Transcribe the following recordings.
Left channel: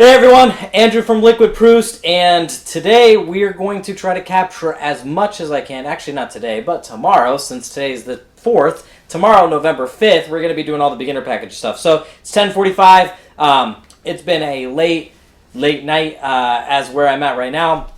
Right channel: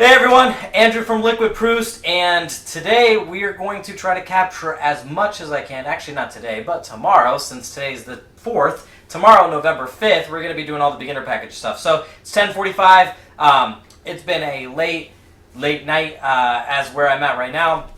Hey everyone, Andrew from Liquid Proust, and today we are going to try to capture as much as I can. Actually, not today, but tomorrow, since today's the 4th. Tomorrow, November 5th, we're going to be doing all the beginner package stuff. So it's 10:45. It's been a late night as where I'm at right now.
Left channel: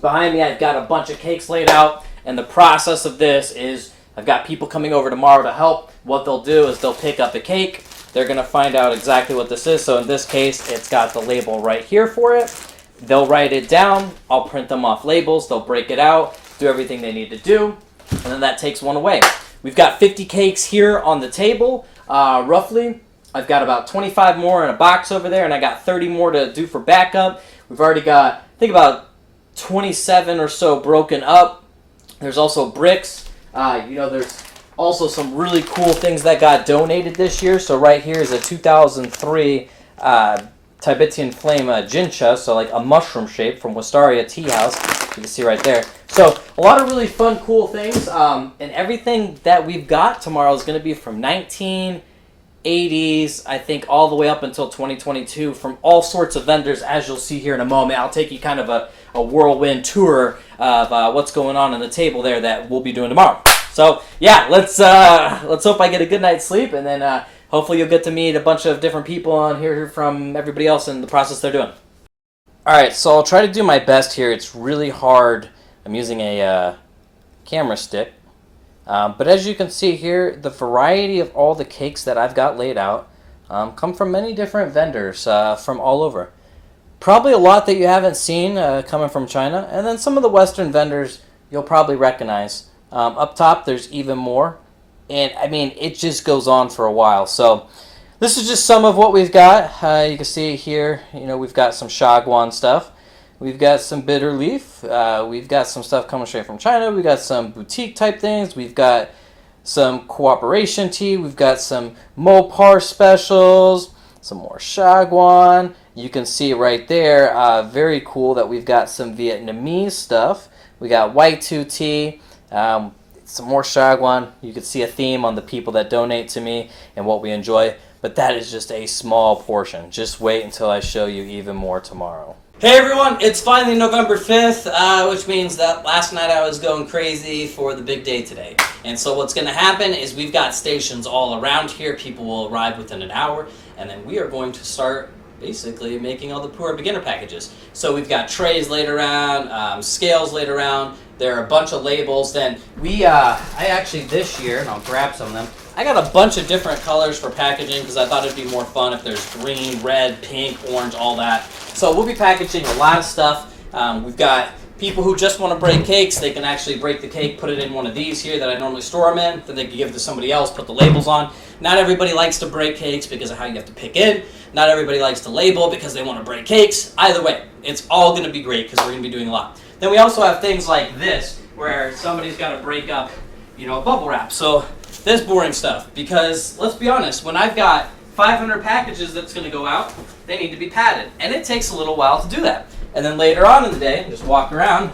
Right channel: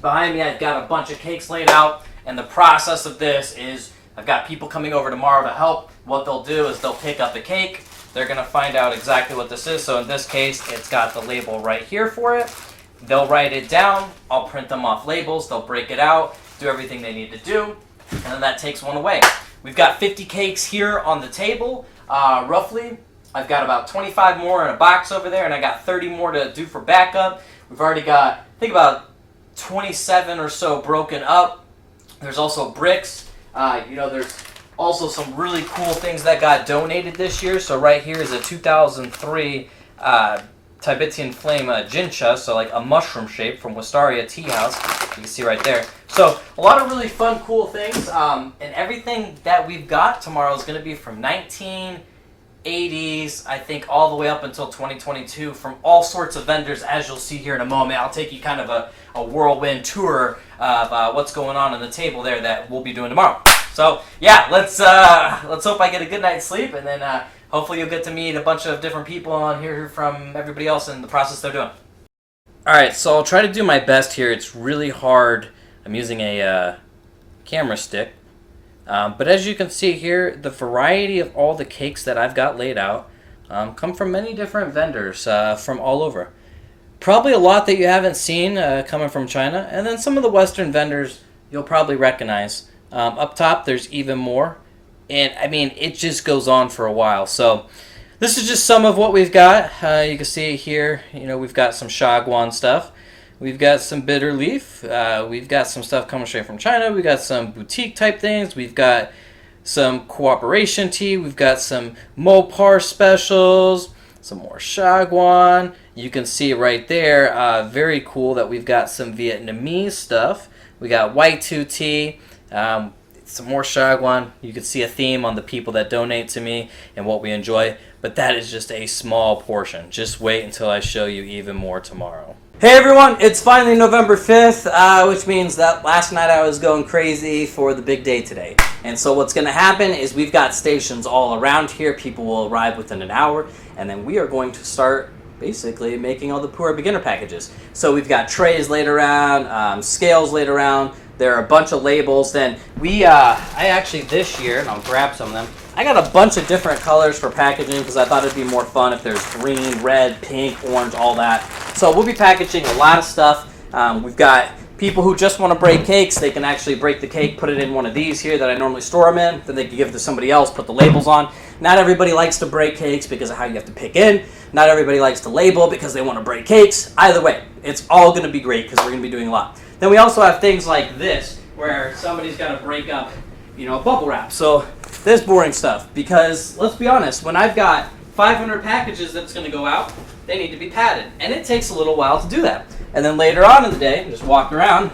Behind me, I've got a bunch of cakes laid out, and the process of this is I've got people coming over tomorrow to help. What they'll do is they'll pick up a cake. They're going to find out exactly what this is. So in this case, it's got the label right here for it. They'll write it down. I'll print them off labels. They'll break it out, do everything they need to do, and then that takes one away. We've got 50 cakes here on the table, roughly. I've got about 25 more in a box over there, and I got 30 more to do for backup. We've already got, I think, about 27 or so broken up. There's also bricks. There's also some really cool things that got donated this year. So right here is a 2003 Tibetan Flame Jincha, so like a mushroom shape from Wistaria Tea House. You can see right there. So a lot of really fun, cool things. And everything that we've got tomorrow is going to be from 1980s, I think, all the way up until 2022 from all sorts of vendors, as you'll see here in a moment. I'll take you kind of a whirlwind tour of what's going on the table there that we'll be doing tomorrow. So yeah, let's hope I get a good night's sleep, and then hopefully you'll get to meet a bunch of different people on here from everybody else in the process they're doing. All right, so I'll try to do my best here. It's really hard. I'm using a camera stick, but as you can see here, the variety of all the cakes that I've got laid out come from many different vendors from all over. Probably a lot that you haven't seen coming from China, and then some of the Western vendors you'll probably recognize. Up top, there's even more, and I mean, it just goes on for a while. So this is just some of what we've got. You can see here, we've got some Shagwan stuff. We've got some bitter leaf. We've got some stuff coming straight from China. We've got some boutique type things. We've got some cooperation tea. We've got some Mopar specials, some more Shagwan. You can see right there, very cool that we've got some Vietnamese stuff. We got white two tea. Some more Shagwan. You can see a theme on the people that donate to me and what we enjoy, but that is just a small portion. Just wait until I show you even more tomorrow. Hey everyone, it's finally November 5th, which means that last night I was going crazy for the big day today. And so what's going to happen is we've got stations all around here. People will arrive within an hour, and then we are going to start basically making all the Puerh beginner packages. So we've got trays laid around, scales laid around. There are a bunch of labels. Then I actually this year, and I'll grab some of them, I got a bunch of different colors for packaging because I thought it'd be more fun if there's green, red, pink, orange, all that. So we'll be packaging a lot of stuff. We've got people who just want to break cakes. They can actually break the cake, put it in one of these here that I normally store them in. Then they can give it to somebody else, put the labels on. Not everybody likes to break cakes because of how you have to pick in. Not everybody likes to label because they want to break cakes. Either way, it's all going to be great because we're going to be doing a lot. Then we also have things like this, where somebody's got to break up, bubble wrap. So this boring stuff, because let's be honest, when I've got 500 packages that's going to go out, they need to be padded, and it takes a little while to do that. And then later on in the day, just walk around,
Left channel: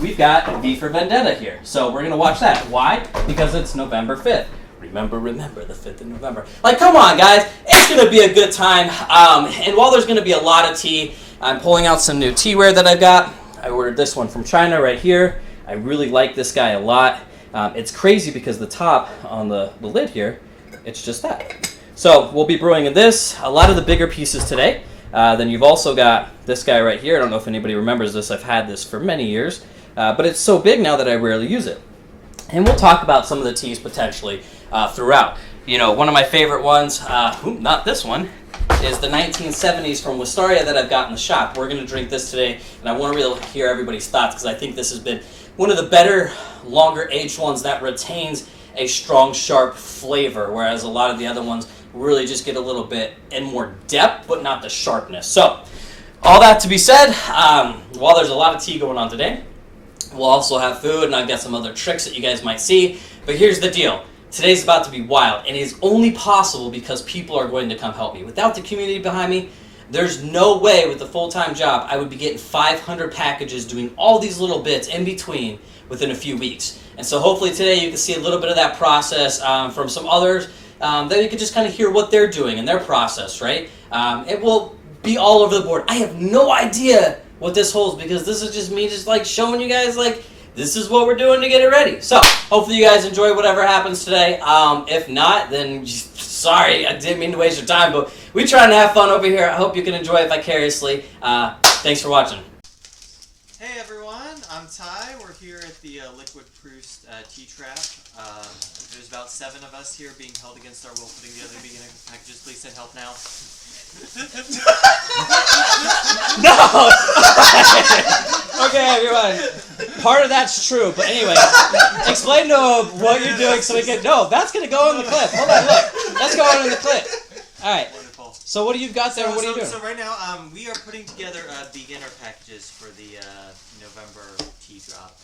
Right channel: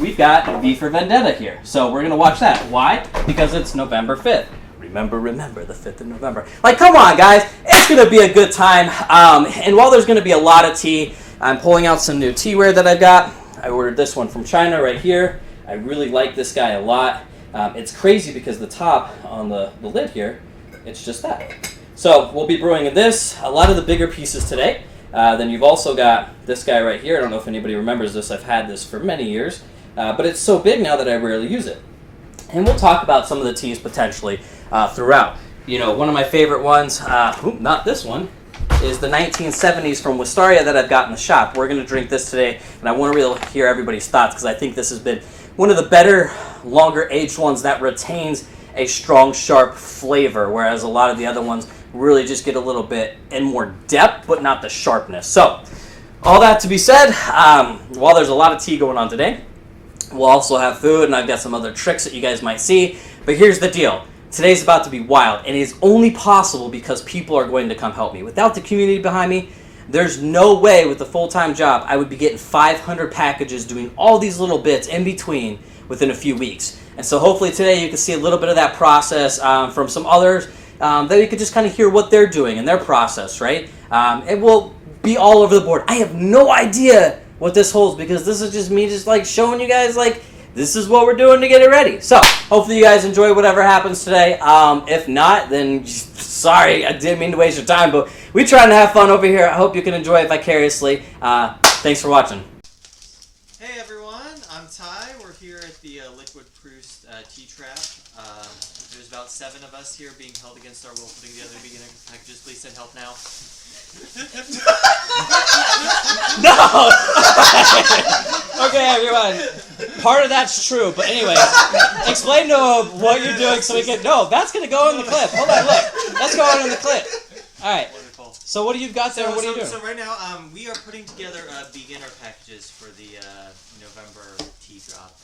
we've got V for Vendetta here. So we're going to watch that. Why? Because it's November 5th. Remember, the 5th of November. Like, come on, guys. It's going to be a good time. And while there's going to be a lot of tea, I'm pulling out some new teaware that I've got. I ordered this one from China right here. I really like this guy a lot. It's crazy because the top on the lid here, it's just that. So we'll be brewing this, a lot of the bigger pieces today. Then you've also got this guy right here. I don't know if anybody remembers this. I've had this for many years. But it's so big now that I rarely use it. And we'll talk about some of the teas potentially throughout. One of my favorite ones, not this one, is the 1970s from Wistaria that I've got in the shop. We're going to drink this today, and I want to really hear everybody's thoughts because I think this has been one of the better, longer aged ones that retains a strong, sharp flavor, whereas a lot of the other ones really just get a little bit in more depth, but not the sharpness. So, all that to be said, while there's a lot of tea going on today, we'll also have food, and I've got some other tricks that you guys might see. But here's the deal. Today's about to be wild, and it is only possible because people are going to come help me. Without the community behind me, there's no way with a full-time job I would be getting 500 packages doing all these little bits in between within a few weeks. And so hopefully today you can see a little bit of that process from some others that you could just kind of hear what they're doing and their process, right? It will be all over the board. I have no idea what this holds because this is just me just like showing you guys like this is what we're doing to get it ready. So hopefully you guys enjoy whatever happens today. If not, then sorry, I didn't mean to waste your time, but we're trying to have fun over here. I hope you can enjoy it vicariously. Thanks for watching. Hey everyone, I'm Ty. We're here at the Liquid Proust tea trap. There's about 7 of us here being held against our will putting together beginner packages. Please send help now. No! Okay, everyone. Part of that's true, but anyway, explain to him what you're doing so we can... No, that's going to go in the clip. Hold on, look. That's going in the clip. All right. Wonderful. So what do you got there? What are you doing? So right now, we are putting together beginner packages for the November tea drop.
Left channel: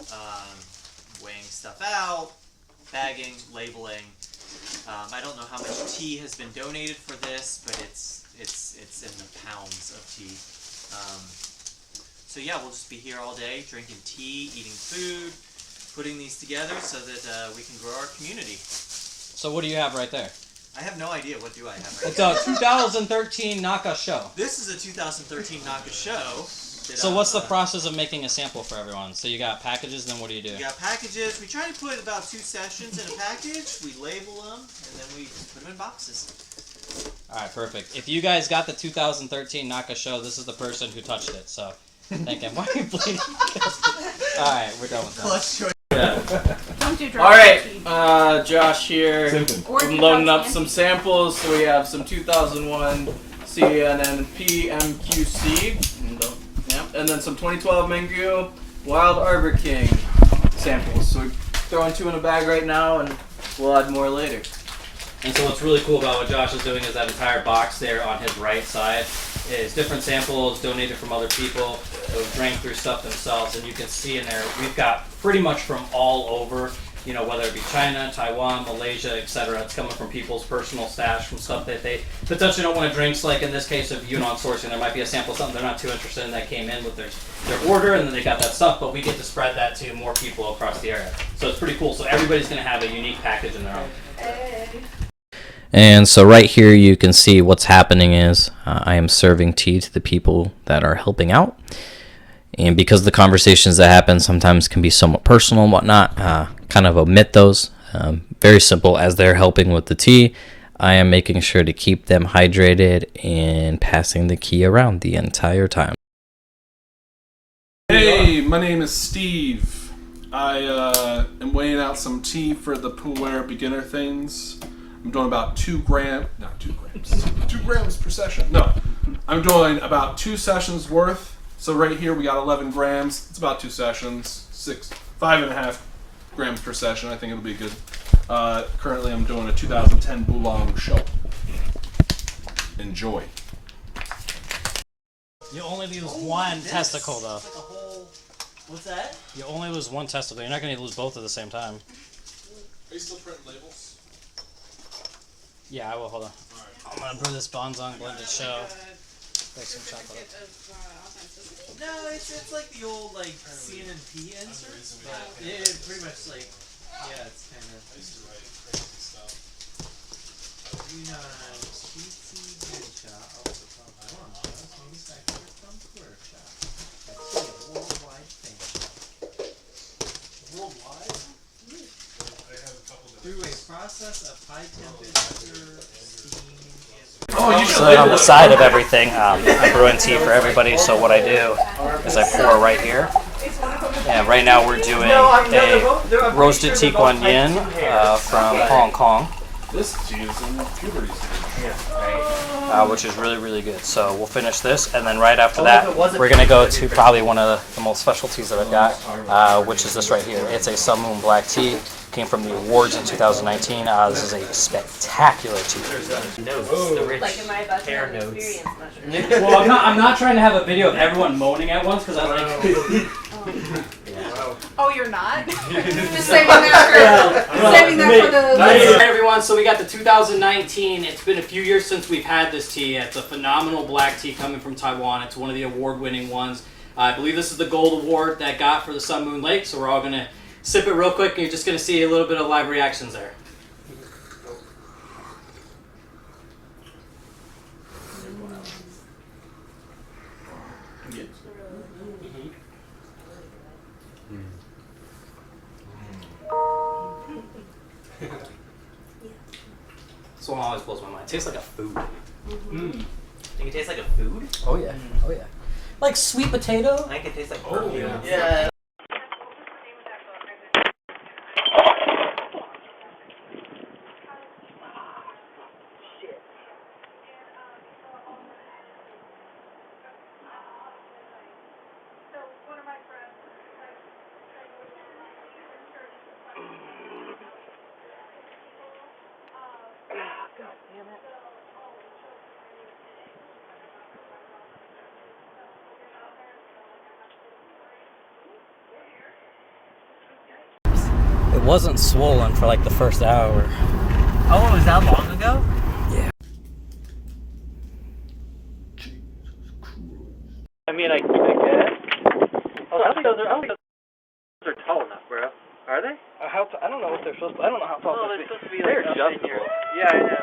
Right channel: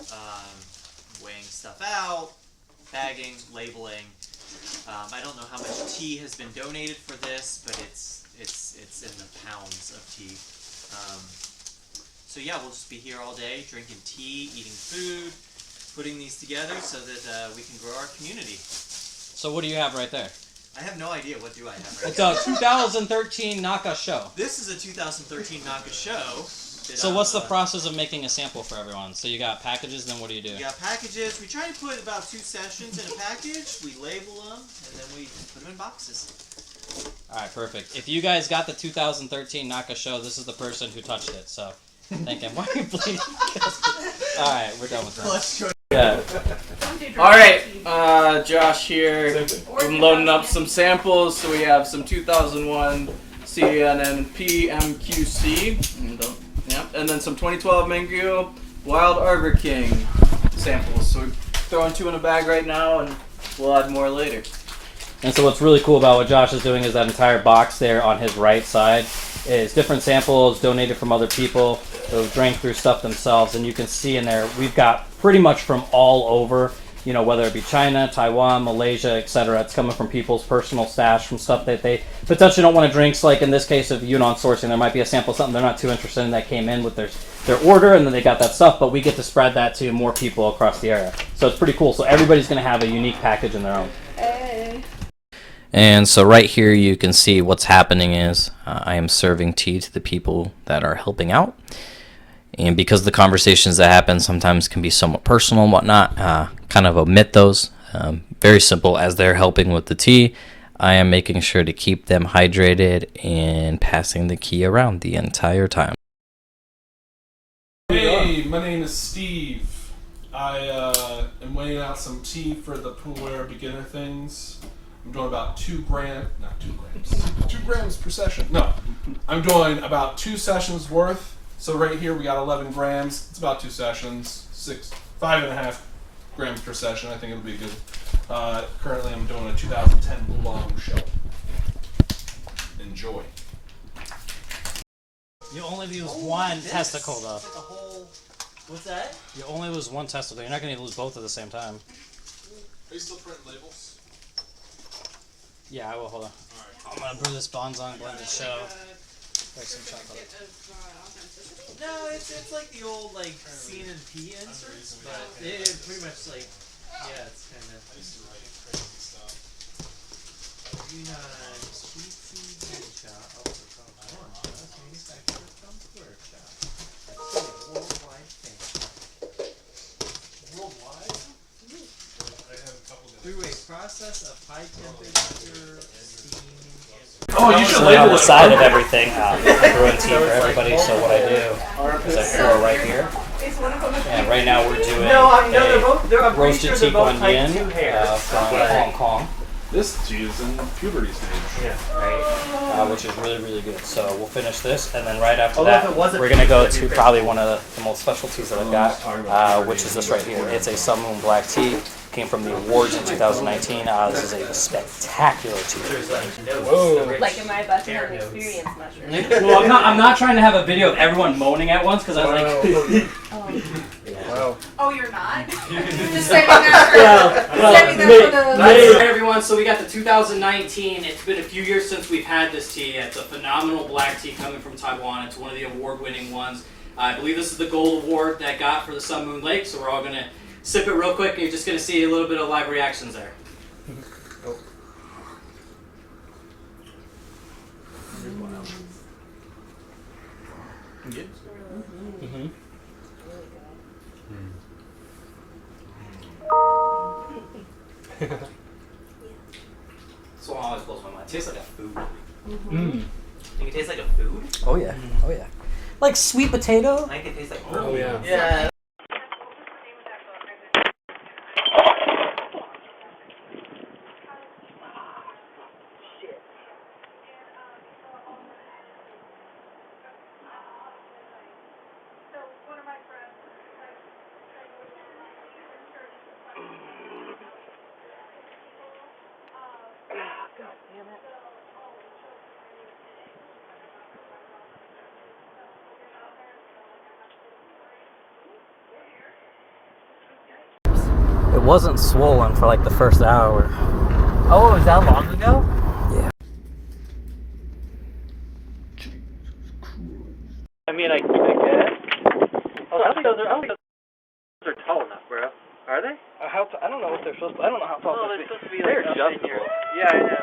Weighing stuff out, bagging, labeling. I don't know how much tea has been donated for this, but it's in the pounds of tea. So yeah, we'll just be here all day, drinking tea, eating food, putting these together so that we can grow our community. So what do you have right there? I have no idea what do I have right It's now. a 2013 Naka show. This is a 2013 Naka show. So what's the process of making a sample for everyone? So you got packages, then what do you do? We got packages. We try to put about 2 sessions in a package. We label them, and then we put them in boxes. Alright, perfect. If you guys got the 2013 Naka show, this is the person who touched it, so thank him. Why are you bleeding? Alright, we're done with that. Yeah. Alright, Josh here. I'm loading up some samples. So we have some 2001 CNN PMQC. And then some 2012 Mango Wild Arbor King samples. So we're throwing 2 in a bag right now, and we'll add more later. And so what's really cool about what Josh is doing is that entire box there on his right side is different samples donated from other people who drank through stuff themselves. And you can see in there, we've got pretty much from all over, you know, whether it be China, Taiwan, Malaysia, etc. It's coming from people's personal stash, from stuff that they potentially don't want to drink. So like in this case of Yunnan sourcing, there might be a sample of something they're not too interested in that came in with their order, and then they got that stuff, but we get to spread that to more people across the area. So it's pretty cool. So everybody's going to have a unique package in their own. Hey. And so right here you can see what's happening is I am serving tea to the people that are helping out. And because the conversations that happen sometimes can be somewhat personal and whatnot, kind of omit those. Very simple. As they're helping with the tea, I am making sure to keep them hydrated and passing the key around the entire time. Hey, my name is Steve. I am weighing out some tea for the Puerh beginner things. I'm doing about 2 grams per session. No, I'm doing about 2 sessions worth. So right here we got 11 grams. It's about 2 sessions, 5.5 grams per session. I think it'll be good. Currently I'm doing a 2010 Oolong show. Enjoy. You only lose one testicle, though. Like a whole... What's that? You only lose one testicle. You're not going to lose both at the same time. Are you still printing labels? Yeah, I will. Hold on. I'm going to brew this Bonzong blended show. Like some chocolate. No, it's like the old like CNP inserts, but it's pretty much like it's kind of. I used to write crazy stuff. ProustCha also called manufactured from ProustCha. That's a worldwide thing. Worldwide? I have a couple of Through a process of high temperature steam. Oh, you should So label on the it. side of everything, I'm brewing tea for everybody. So what I do is I pour right here. And right now we're doing a roasted Tikuan Yin from Hong Kong. This tea is in puberty stage. Which is really, really good. So we'll finish this, and then right after that, we're going to go to probably one of the most special teas that I've got, which is this right here. It's a Sun Moon Black Tea. Came from the awards in 2019. This is a spectacular tea. Like, am I about to have an experience mushroom? Well, I'm not trying to have a video of everyone moaning at once, because I was like... Oh, you're not? Just saving that for the... Hey everyone, so we got the 2019. It's been a few years since we've had this tea. It's a phenomenal black tea coming from Taiwan. It's one of the award-winning ones. I believe this is the gold award that got for the Sun Moon Lake, so we're all going to sip it real quick, and you're just going to see a little bit of live reactions there. This one always blows my mind. It tastes like a food. Think it tastes like a food? Oh yeah. Oh yeah. Like sweet potato. I think it tastes like Oh, yeah. Yeah. It wasn't swollen for like the first hour. Oh, it was that long ago? Yeah. I mean, I guess. Oh, I don't think those are tall enough, bro. Are they? I don't know what they're supposed to. I don't know how tall they're supposed to be. They're adjustable. Yeah, I know.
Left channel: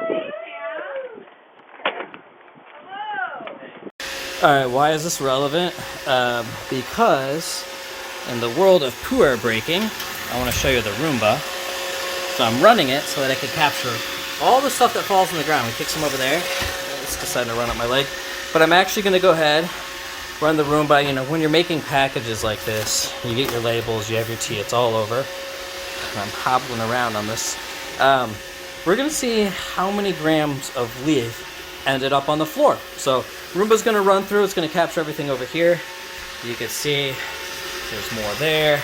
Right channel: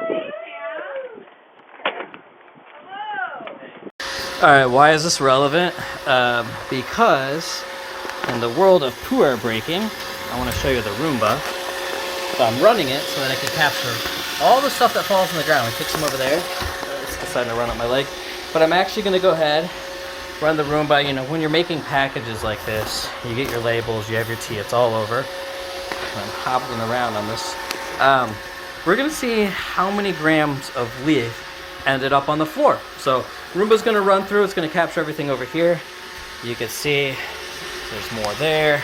Alright, why is this relevant? Because in the world of Puerh breaking, I want to show you the Roomba. So I'm running it so that I can capture all the stuff that falls on the ground. We kick some over there. It's deciding to run up my leg. But I'm actually going to go ahead, run the Roomba. You know, when you're making packages like this, you get your labels, you have your tea, it's all over. And I'm hobbling around on this. We're going to see how many grams of leaf ended up on the floor. So Roomba's going to run through. It's going to capture everything over here. You can see there's more there.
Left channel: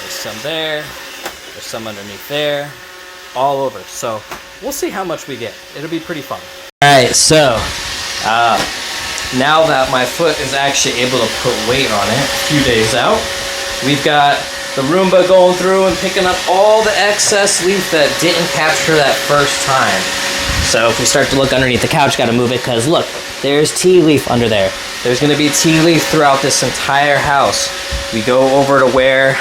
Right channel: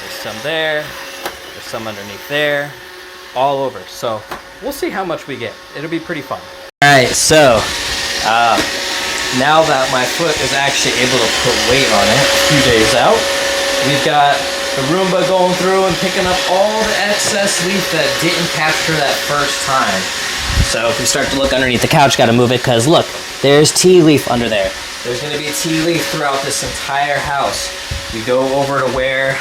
There's some there. There's some underneath there. All over. So we'll see how much we get. It'll be pretty fun. Alright, so now that my foot is actually able to put weight on it a few days out, we've got the Roomba going through and picking up all the excess leaf that didn't capture that first time. So if we start to look underneath the couch, got to move it because look, there's tea leaf under there. There's going to be tea leaf throughout this entire house. We go over to where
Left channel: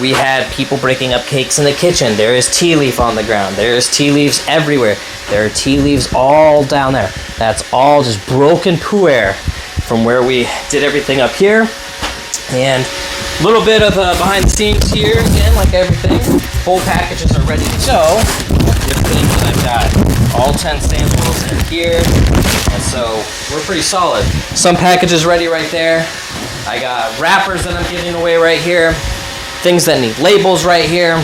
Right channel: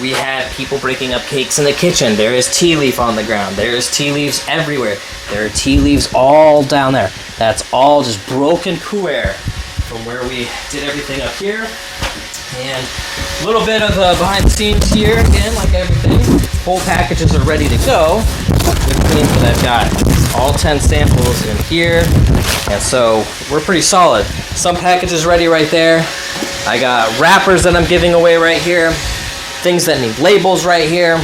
we had people breaking up cakes in the kitchen. There is tea leaf on the ground. There is tea leaves everywhere. There are tea leaves all down there. That's all just broken puerh from where we did everything up here. And a little bit of behind the scenes here again, like everything. Full packages are ready to go. Get put into that guy. All 10 samples in here. And so we're pretty solid. Some packages ready right there. I got wrappers that I'm giving away right here. Things that need labels right here.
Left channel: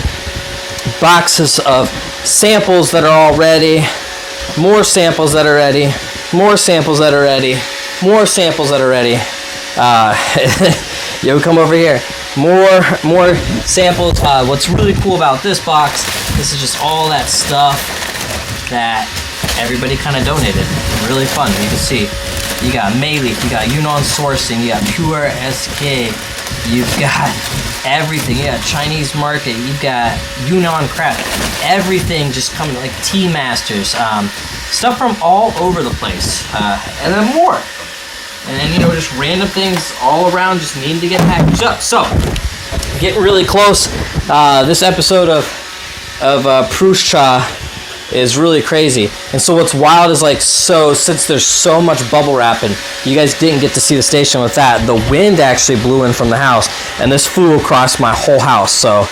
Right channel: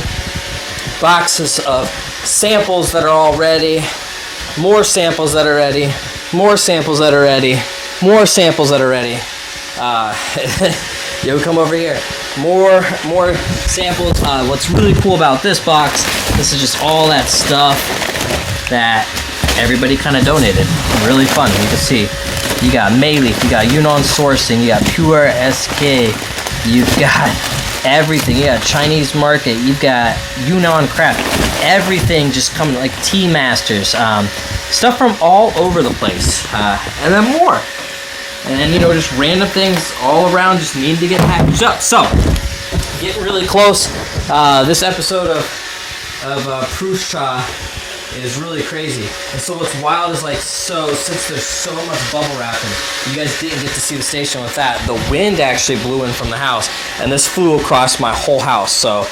Boxes of samples that are all ready. More samples that are ready. More samples that are ready. More samples that are ready. Yo, come over here. More samples. What's really cool about this box, this is just all that stuff that everybody kind of donated. Really fun. You can see you got Mayleaf, you got Yunnan Sourcing, you got Puerh SK, you've got everything. You got Chinese Market, you've got Yunnan Craft, everything just coming, like Tea Masters, stuff from all over the place, and then more. And then, you know, just random things all around just needing to get packaged up. So, getting really close. This episode of ProustCha is really crazy. And so what's wild is like, so since there's so much bubble wrapping, you guys didn't get to see the station with that. The wind actually blew in from the house, and this flew across my whole house. So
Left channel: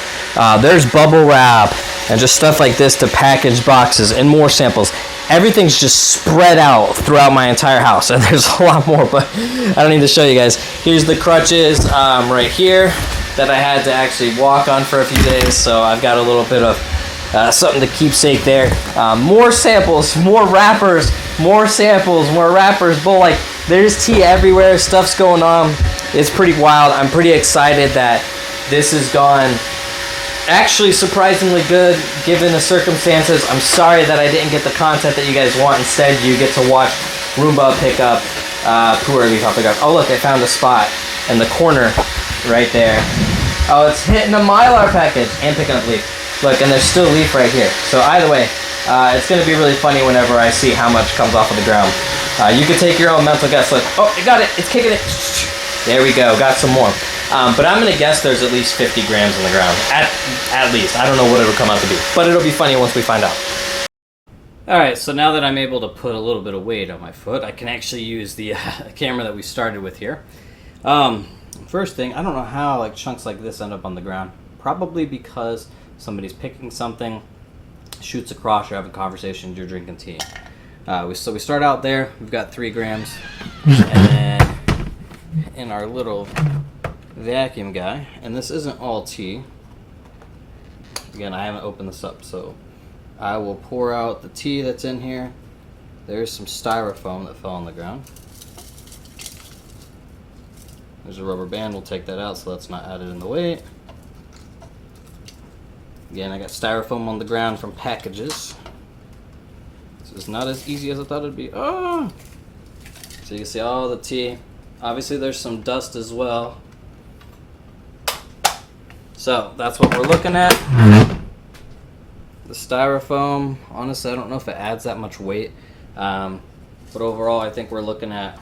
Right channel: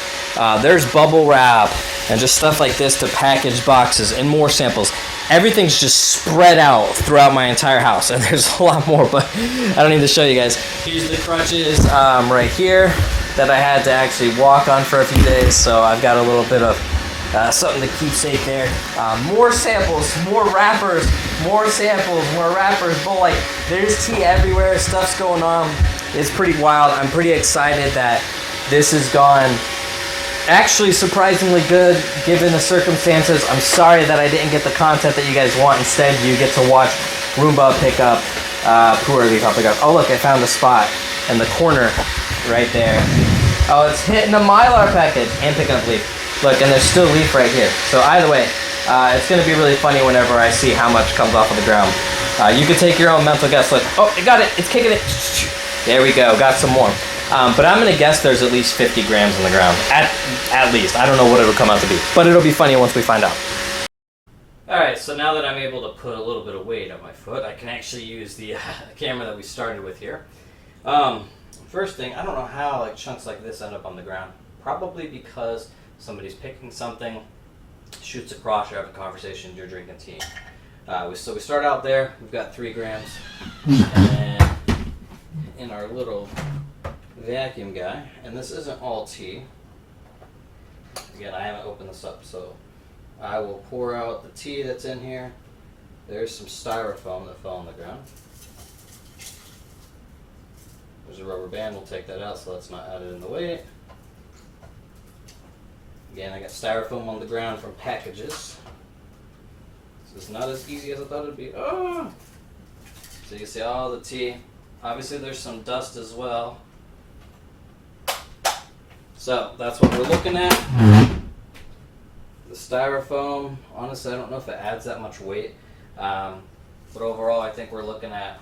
there's bubble wrap and just stuff like this to package boxes and more samples. Everything's just spread out throughout my entire house, and there's a lot more, but I don't need to show you guys. Here's the crutches right here that I had to actually walk on for a few days, so I've got a little bit of something to keepsake there. More samples, more wrappers, more samples, more wrappers. But like, there's tea everywhere. Stuff's going on. It's pretty wild. I'm pretty excited that this has gone actually surprisingly good given the circumstances. I'm sorry that I didn't get the content that you guys want. Instead, you get to watch Roomba pick up Puerh leaf pick up. Oh look, I found a spot in the corner right there. Oh, it's hitting a Mylar package and picking up leaf. Look, and there's still leaf right here. So either way, it's going to be really funny whenever I see how much comes off of the ground. You can take your own mental guess. Look, oh, I got it. It's kicking it. There we go. Got some more. But I'm going to guess there's at least 50 grams on the ground. At least. I don't know what it'll come out to be. But it'll be funny once we find out. Alright, so now that I'm able to put a little bit of weight on my foot, I can actually use the camera that we started with here. First thing, I don't know how like chunks like this end up on the ground. Probably because somebody's picking something, shoots across, you're having a conversation, you're drinking tea. So we start out there, we've got 3 grams, and then in our little vacuum guy, and this isn't all tea. Again, I haven't opened this up, so I will pour out the tea that's in here. There's some styrofoam that fell on the ground. There's a rubber band, we'll take that out so that's not added in the weight. Again, I got styrofoam on the ground from packages. This is not as easy as I thought it would be. Oh! So you can see all the tea. Obviously there's some dust as well. So that's what we're looking at. The styrofoam, honestly I don't know if it adds that much weight. But overall I think we're looking at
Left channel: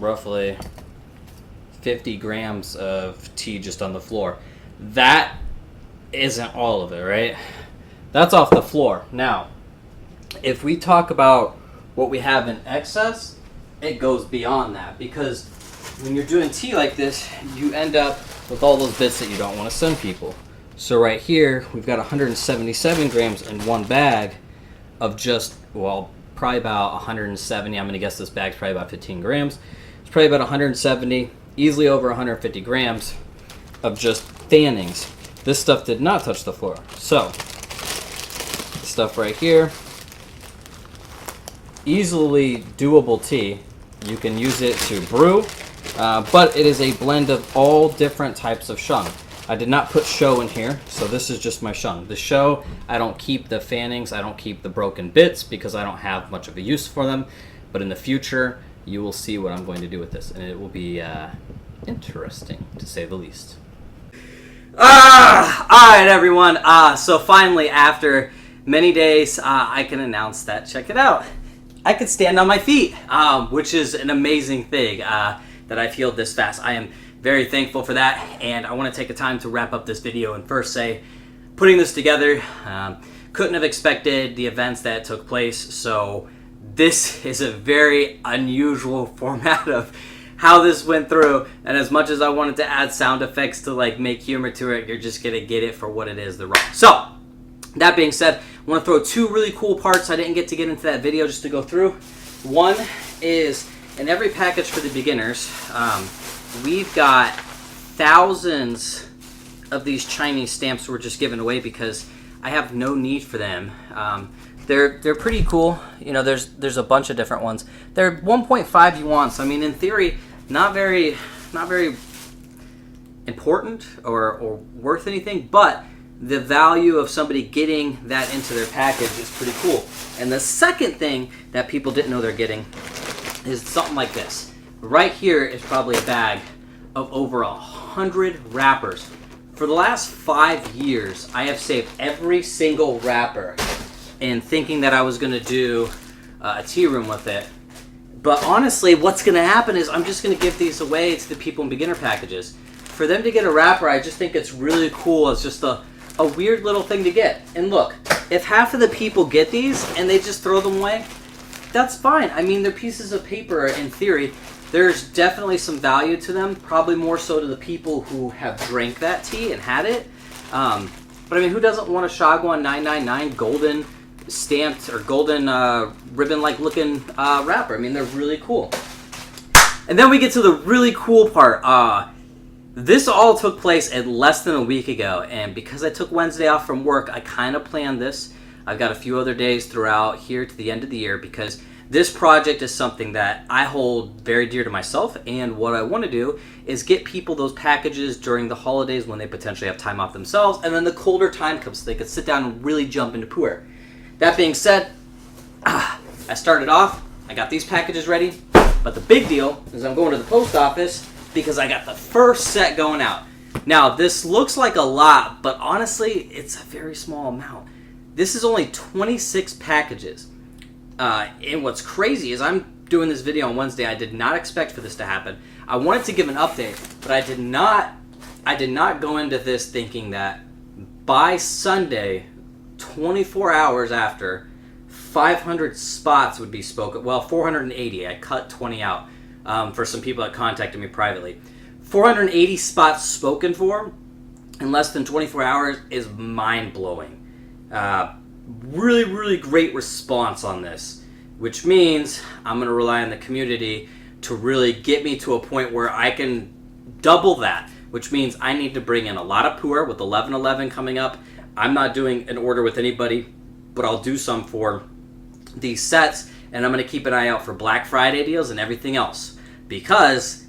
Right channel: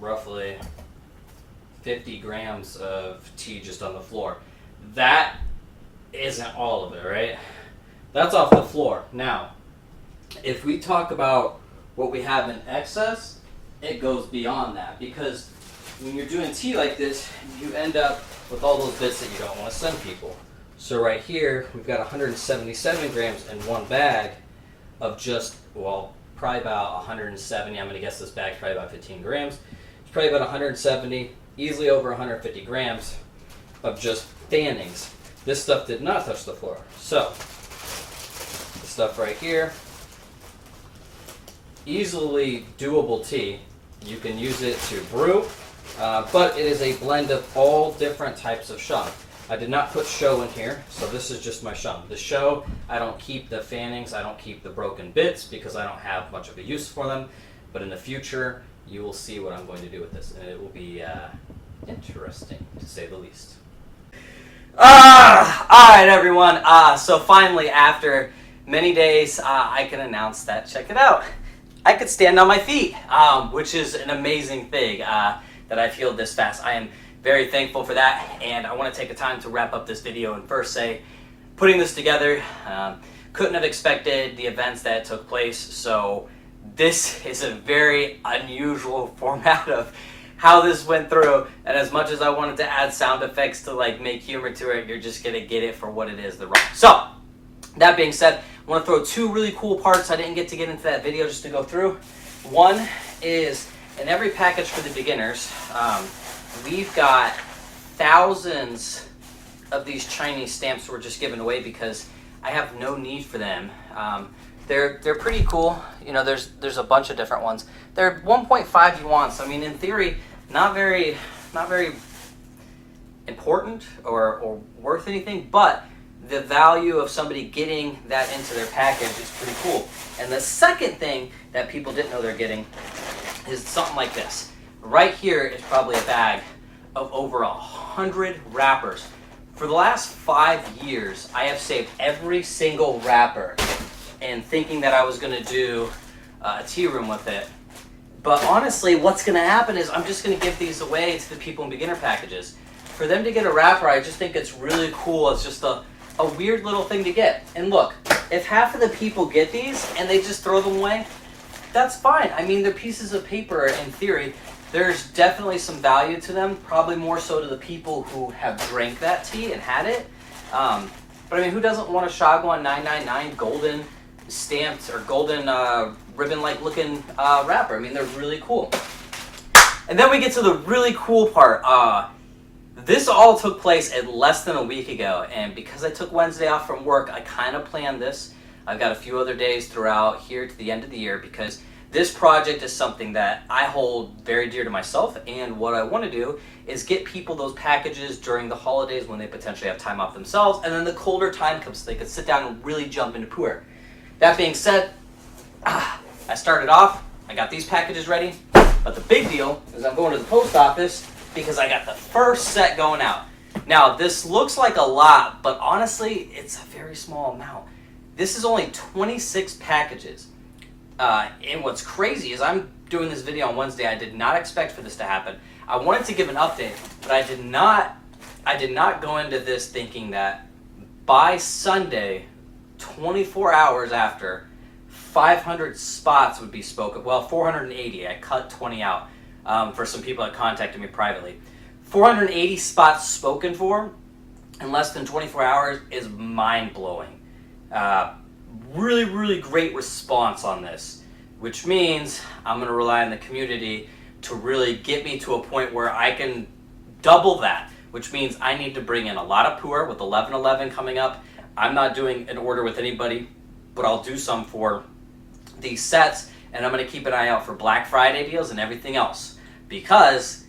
roughly 50 grams of tea just on the floor. That isn't all of it, right? That's off the floor. Now, if we talk about what we have in excess, it goes beyond that, because when you're doing tea like this, you end up with all those bits that you don't want to send people. So right here, we've got 177 grams in one bag of just, well, probably about 170. I'm going to guess this bag's probably about 15 grams. It's probably about 170, easily over 150 grams of just fannings. This stuff did not touch the floor. So, this stuff right here, easily doable tea. You can use it to brew, but it is a blend of all different types of shung. I did not put show in here, so this is just my shung. The show, I don't keep the fannings, I don't keep the broken bits because I don't have much of a use for them. But in the future, you will see what I'm going to do with this, and it will be interesting, to say the least. Alright everyone, so finally after many days, I can announce that, check it out, I could stand on my feet, which is an amazing thing that I've healed this fast. I am very thankful for that, and I want to take the time to wrap up this video and first say, putting this together, couldn't have expected the events that took place, so this is a very unusual format of how this went through, and as much as I wanted to add sound effects to like make humor to it, you're just gonna get it for what it is, the raw. So, that being said, I want to throw 2 really cool parts I didn't get to get into that video just to go through. One is, in every package for the beginners, we've got thousands of these Chinese stamps we're just giving away because I have no need for them. They're pretty cool. You know, there's a bunch of different ones. They're 1.5 yuan, so I mean, in theory, not very important or worth anything, but the value of somebody getting that into their package is pretty cool. And the second thing that people didn't know they're getting is something like this. Right here is probably a bag of over 100 wrappers. For the last 5 years, I have saved every single wrapper and thinking that I was going to do a tea room with it. But honestly, what's going to happen is I'm just going to give these away to the people in beginner packages. For them to get a wrapper, I just think it's really cool. It's just a weird little thing to get. And look, if half of the people get these and they just throw them away, that's fine. I mean, they're pieces of paper in theory. There's definitely some value to them, probably more so to the people who have drank that tea and had it. But I mean, who doesn't want a Shagwan 999 golden stamped or golden ribbon-like looking wrapper? I mean, they're really cool. And then we get to the really cool part. This all took place at less than a week ago, and because I took Wednesday off from work, I kind of planned this. I've got a few other days throughout here to the end of the year because this project is something that I hold very dear to myself, and what I want to do is get people those packages during the holidays when they potentially have time off themselves, and then the colder time comes so they can sit down and really jump into Puerh. That being said, I started off, I got these packages ready, but the big deal is I'm going to the post office because I got the first set going out. Now, this looks like a lot, but honestly, it's a very small amount. This is only 26 packages. And what's crazy is I'm doing this video on Wednesday. I did not expect for this to happen. I wanted to give an update, but I did not go into this thinking that by Sunday, 24 hours after, 500 spots would be spoken. Well, 480. I cut 20 out for some people that contacted me privately. 480 spots spoken for in less than 24 hours is mind-blowing. Really, really great response on this, which means I'm going to rely on the community to really get me to a point where I can double that, which means I need to bring in a lot of Puerh with 11/11 coming up. I'm not doing an order with anybody, but I'll do some for these sets, and I'm going to keep an eye out for Black Friday deals and everything else, because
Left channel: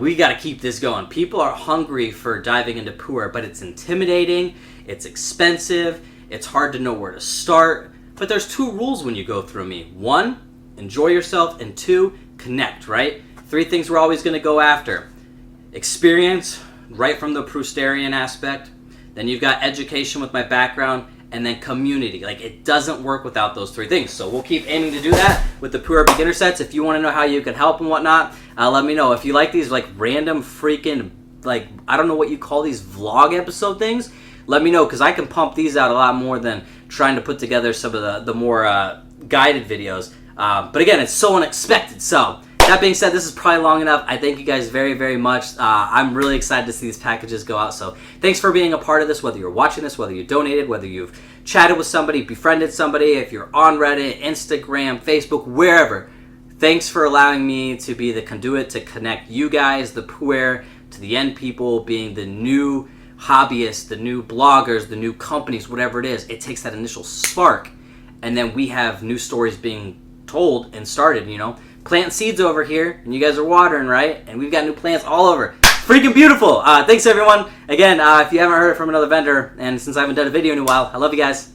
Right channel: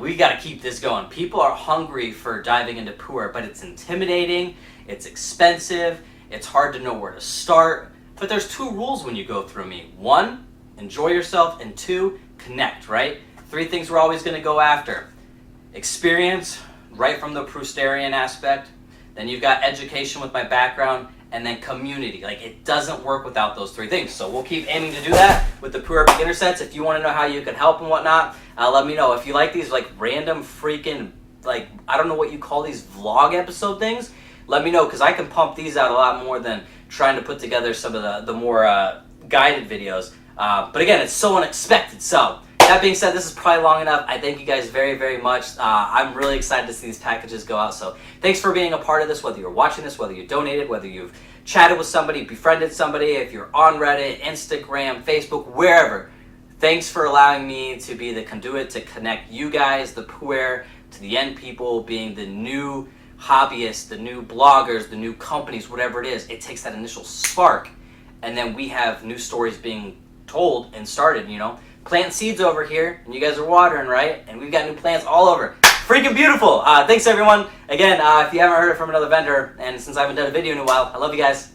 we got to keep this going. People are hungry for diving into Puerh, but it's intimidating, it's expensive, it's hard to know where to start. But there's 2 rules when you go through me. 1, enjoy yourself, and 2, connect, right? 3 things we're always going to go after. Experience, right from the Proustarian aspect. Then you've got education with my background, and then community. Like, it doesn't work without those 3 things. So we'll keep aiming to do that with the Puerh beginner sets. If you want to know how you can help and whatnot, let me know. If you like these like random freaking, like, I don't know what you call these vlog episode things, let me know, because I can pump these out a lot more than trying to put together some of the more guided videos. But again, it's so unexpected. So that being said, this is probably long enough. I thank you guys very, very much. I'm really excited to see these packages go out. So thanks for being a part of this, whether you're watching this, whether you donated, whether you've chatted with somebody, befriended somebody, if you're on Reddit, Instagram, Facebook, wherever. Thanks for allowing me to be the conduit to connect you guys, the Puerh, to the end people, being the new hobbyists, the new bloggers, the new companies, whatever it is. It takes that initial spark, and then we have new stories being told and started, you know. Plant seeds over here, and you guys are watering, right? And we've got new plants all over. Freaking beautiful. Thanks, everyone. Again, if you haven't heard it from another vendor, and since I haven't done a video in a while, I love you guys.